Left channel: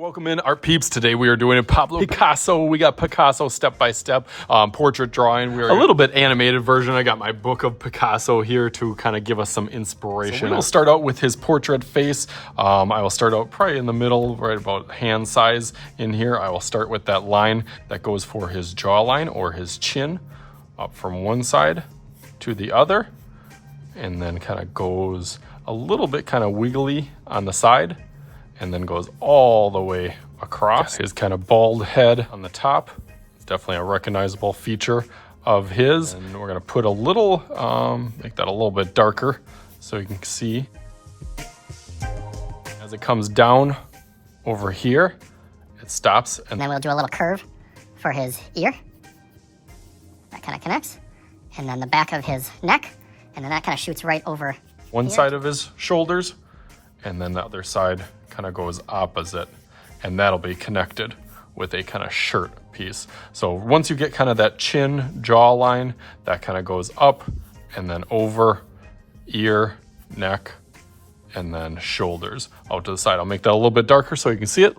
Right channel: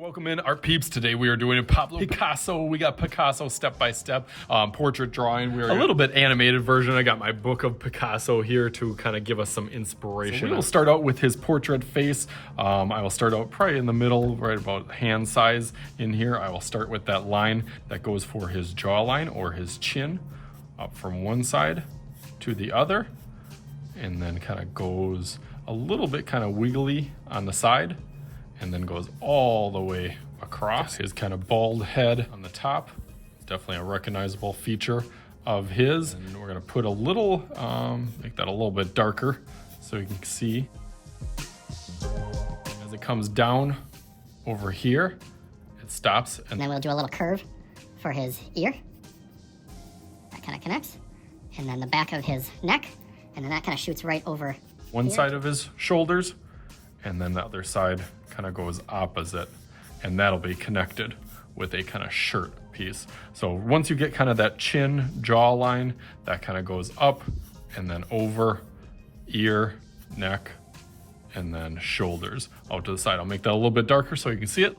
Welcome in our peeps. Today we are doing a Pablo Picasso. We got Picasso step-by-step portrait drawing. We're a little bit animated version. I got my book of Picasso here to kind of give us some inspiration. So we'll start out with his portrait face. I will start out probably in the middle, right about hand size in here. I will start with that line that goes for his jawline or his chin, up from one side to the other, and then kind of goes a little bit kind of wiggly on the side, and then goes all the way across. His kind of bald head on the top, definitely a recognizable feature of his. And we're gonna put a little, make that a little bit darker so you can see. As it comes down over here, it stops. And then we'll do a little curve for his ear. That kind of connects. And then the back of his neck, and then that kind of shoots right over one here. Side of his shoulders, and then the other side kind of goes opposite, and that'll be connected with a kind of shirt piece. So once you get kind of that chin jawline, that kind of goes up and then over, ear, neck, and then shoulders out to the side. I'll make that a little bit darker so you can see it.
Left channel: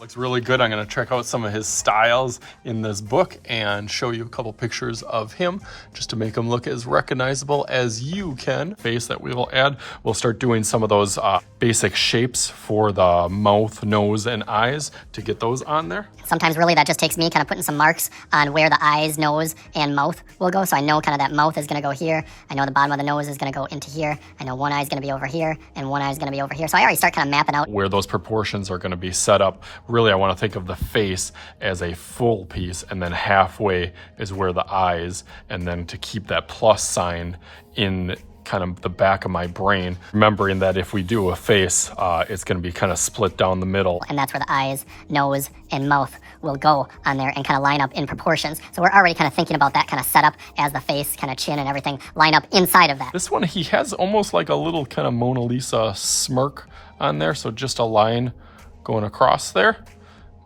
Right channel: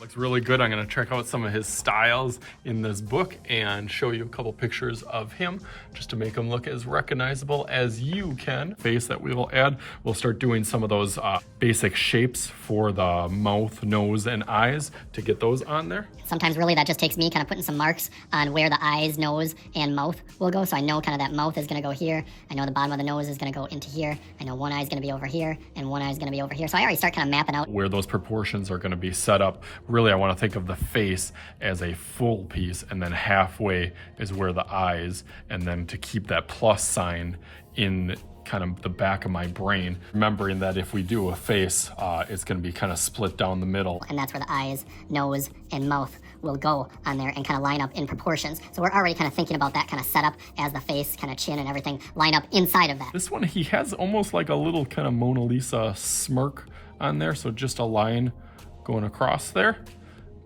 Looks really good. I'm going to check out some of his styles in this book and show you a couple pictures of him just to make him look as recognizable as you can. Face that we will add. We'll start doing some of those basic shapes for the mouth, nose, and eyes to get those on there. Sometimes really that just takes me kind of putting some marks on where the eyes, nose, and mouth will go. So I know kind of that mouth is going to go here. I know the bottom of the nose is going to go into here. I know one eye is going to be over here and one eye is going to be over here. So I already start kind of mapping out where those proportions are going to be set up. Really, I want to think of the face as a full piece, and then halfway is where the eyes, and then to keep that plus sign in kind of the back of my brain, remembering that if we do a face, it's going to be kind of split down the middle. And that's where the eyes, nose, and mouth will go on there and kind of line up in proportions. So we're already kind of thinking about that kind of setup as the face, kind of chin and everything line up inside of that. This one, he has almost like a little kind of Mona Lisa smirk on there. So just a line going across there.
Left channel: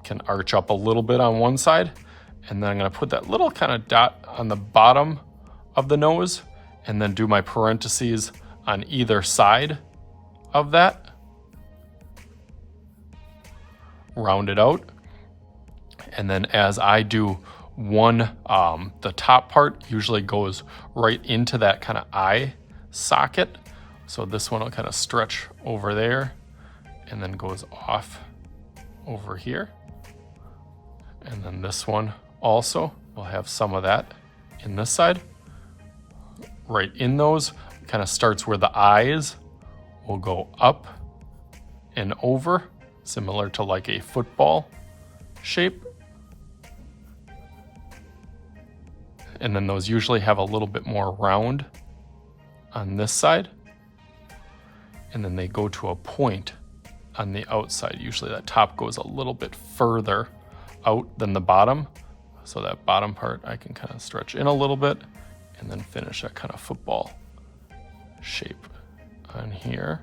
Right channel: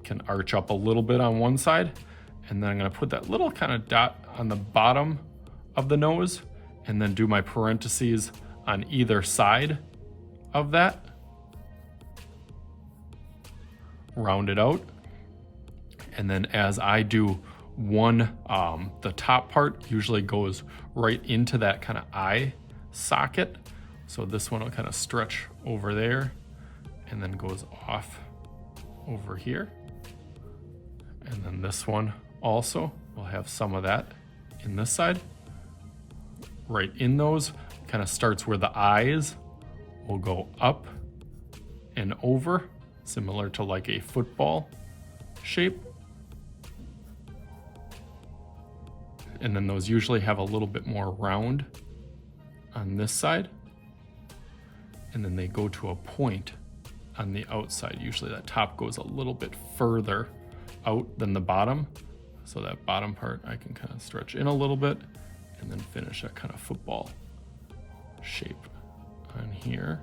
Can arch up a little bit on one side. And then I'm going to put that little kind of dot on the bottom of the nose, and then do my parentheses on either side of that. Round it out. And then as I do one, the top part usually goes right into that kind of eye socket. So this one will kind of stretch over there and then goes off over here. And then this one also will have some of that in this side. Right in those, kind of starts where the eyes will go up and over, similar to like a football shape. And then those usually have a little bit more round on this side. And then they go to a point on the outside. Usually that top goes a little bit further out than the bottom. So that bottom part I can kind of stretch in a little bit, and then finish that kind of football shape on here.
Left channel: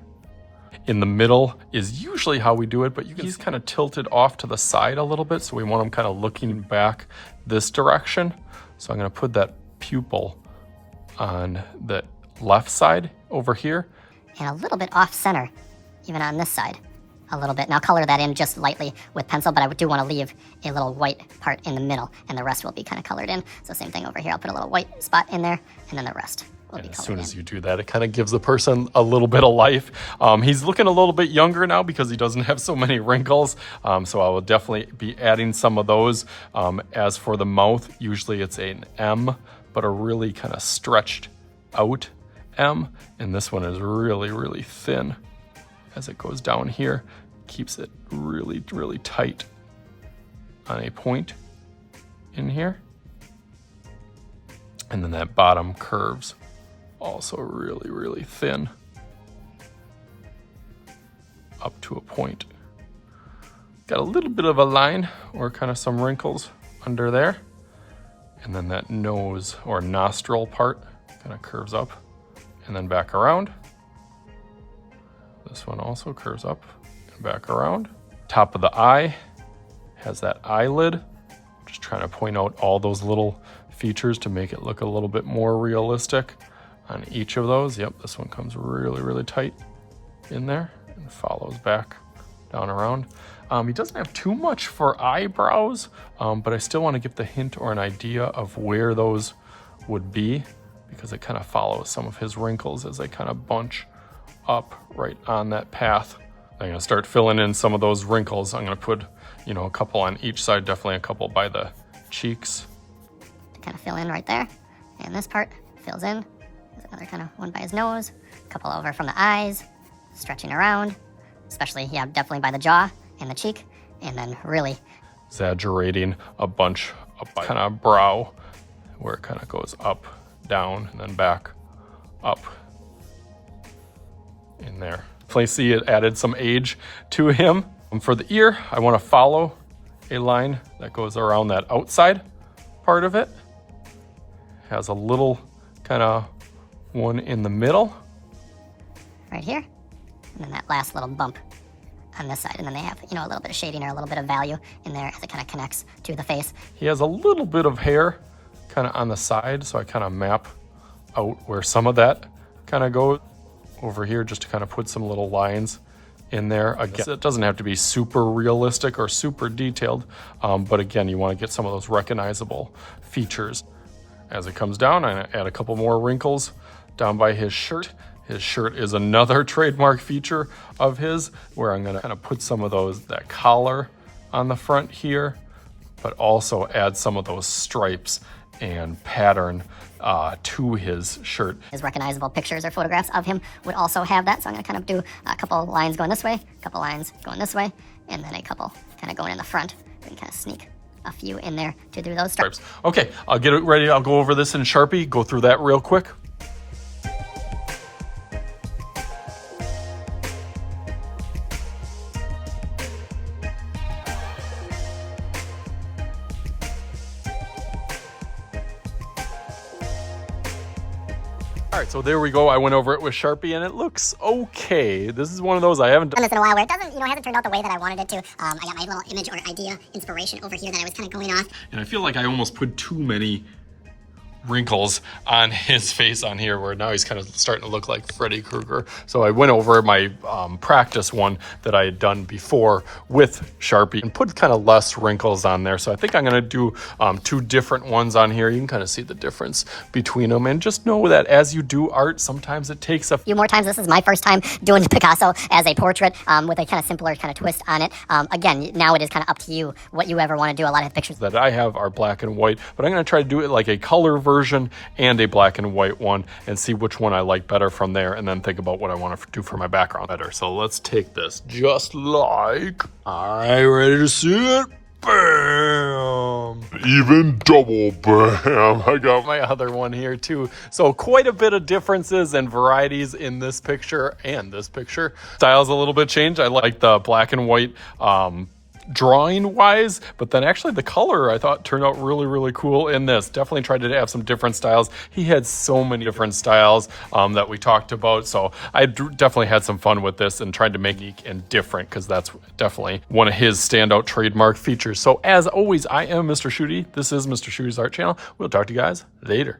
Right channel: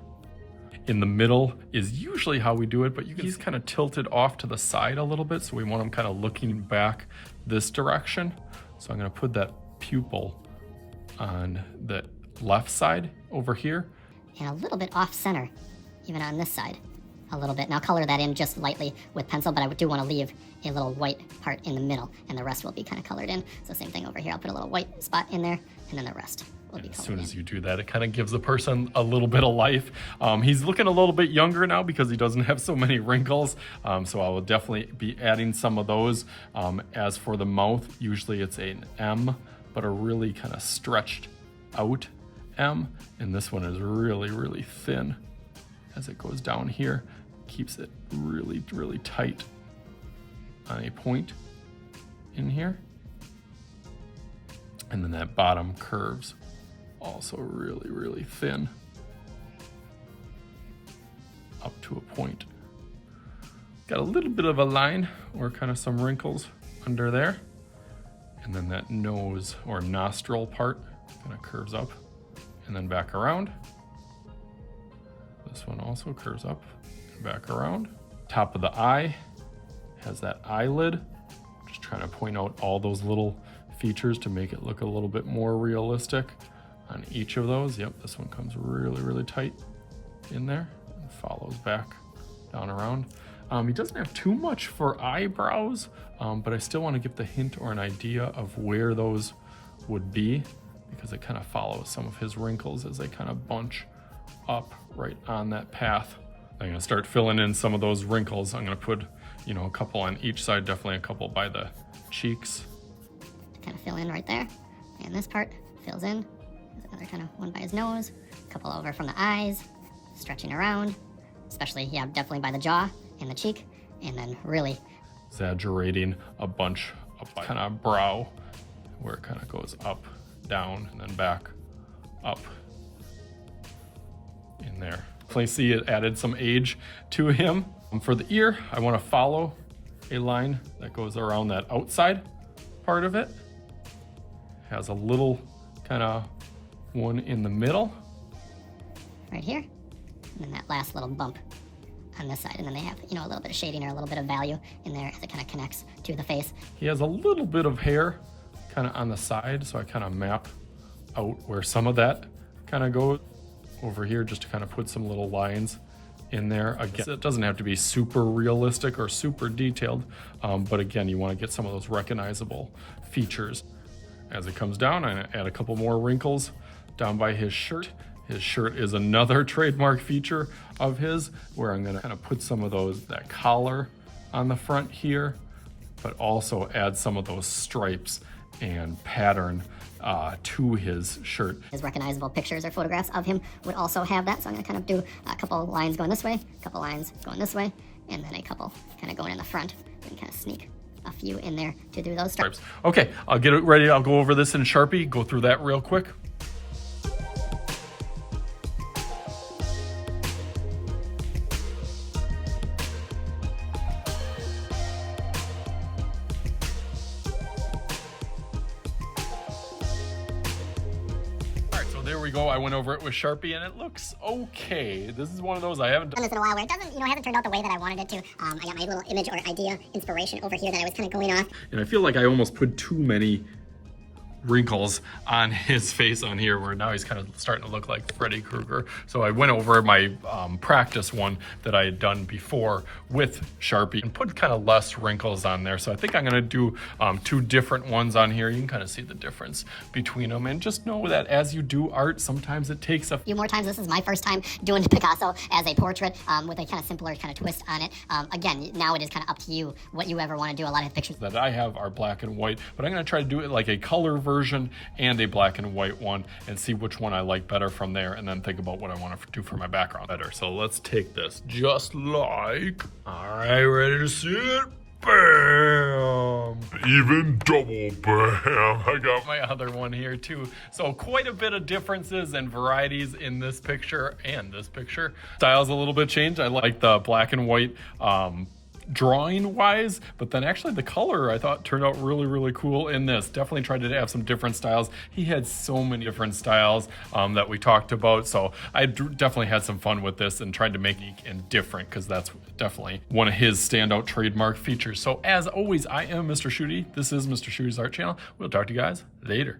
In the middle is usually how we do it, but he's kind of tilted off to the side a little bit, so we want him kind of looking back this direction. So I'm going to put that pupil on the left side over here. And a little bit off center, even on this side, a little bit. And I'll color that in just lightly with pencil, but I do want to leave a little white part in the middle, and the rest will be kind of colored in. So same thing over here, I'll put a little white spot in there, and then the rest will be colored in. As soon as you do that, it kind of gives the person a little bit of life. He's looking a little bit younger now because he doesn't have so many wrinkles. So I will definitely be adding some of those. As for the mouth, usually it's an M, but a really kind of stretched out M. And this one is really, really thin. As it goes down here, keeps it really, really tight on a point in here. And then that bottom curves also really, really thin up to a point. Got a little bit of a line or kind of some wrinkles under there. And then that nose or nostril part kind of curves up and then back around. This one also curves up and back around. Top of the eye has that eyelid. Just trying to point out all those little features to make it look a little bit more realistic on each of those. Yep, this one comes really, really tight in there and follows back down around. He doesn't have too much for eyebrows, but I still want to give the hint or an idea of where those would be, because it kind of follows some of his wrinkles as they kind of bunch up right on that path. I'm gonna start filling in some of those wrinkles. I'm gonna put, you know, a couple on each side, definitely a couple by the cheeks. Kind of fill in right there. And this part fills in. There's another kind of one by his nose, a couple over from the eyes, stretching around, especially, yeah, definitely by the jaw and the cheek, and then really exaggerating a bunch up by kind of brow, where it kind of goes up, down, and then back, up, in there. Definitely see it added some age to him. For the ear, I want to follow a line that goes around that outside part of it. Has a little kind of one in the middle. Right here, and then that last little bump on this side, and then they have, you know, a little bit of shading or a little bit of value in there as it kind of connects to the face. He has a little bit of hair kind of on the side, so I kind of map out where some of that kind of goes over here, just to kind of put some little lines in there. Again, it doesn't have to be super realistic or super detailed, but again, you want to get some of those recognizable features. As it comes down, I add a couple more wrinkles down by his shirt. His shirt is another trademark feature of his, where I'm gonna kind of put some of that collar on the front here, but also add some of those stripes and pattern to his shirt. His recognizable pictures or photographs of him would also have that, so I'm gonna kind of do a couple lines going this way, a couple lines going this way, and then a couple kind of going in the front, and kind of sneak a few in there to do those stripes. Okay, I'll get it ready. I'll go over this in Sharpie, go through that real quick. All right, so there we go. I went over it with Sharpie and it looks okay. This is one of those I haven't done this in a while where it doesn't, you know, hasn't turned out the way that I wanted it to. I got my little image or idea, inspiration over here that I was kind of going off. And I feel like I almost put too many wrinkles on his face on here, where now he's kind of starting to look like Freddy Krueger. So I went over my practice one that I had done before with Sharpie and put kind of less wrinkles on there. So I think I'm gonna do two different ones on here. You can kind of see the difference between them, and just know that as you do art, sometimes it takes a few more times. This is my first time doing Picasso as a portrait with a kind of simpler kind of twist on it. Again, now it is kind of up to you what you ever want to do. A lot of pictures that I have are black and white, but I'm gonna try to do it like a color version and a black and white one, and see which one I like better from there, and then think about what I want to do for my background better. So let's take this just like, all right, ready to see it? Bam! Even double bam. I got my other one here too. So quite a bit of differences and varieties in this picture and this picture. Style's a little bit changed. I like the black and white drawing wise, but then actually the color I thought turned out really cool in this. Definitely tried to have some different styles. He had so many different styles that we talked about, so I definitely had some fun with this and tried to make it unique and different, because that's definitely one of his standout trademark features. So as always, I am Mr. Shooty. This is Mr. Shooty's Art Channel. We'll talk to you guys later.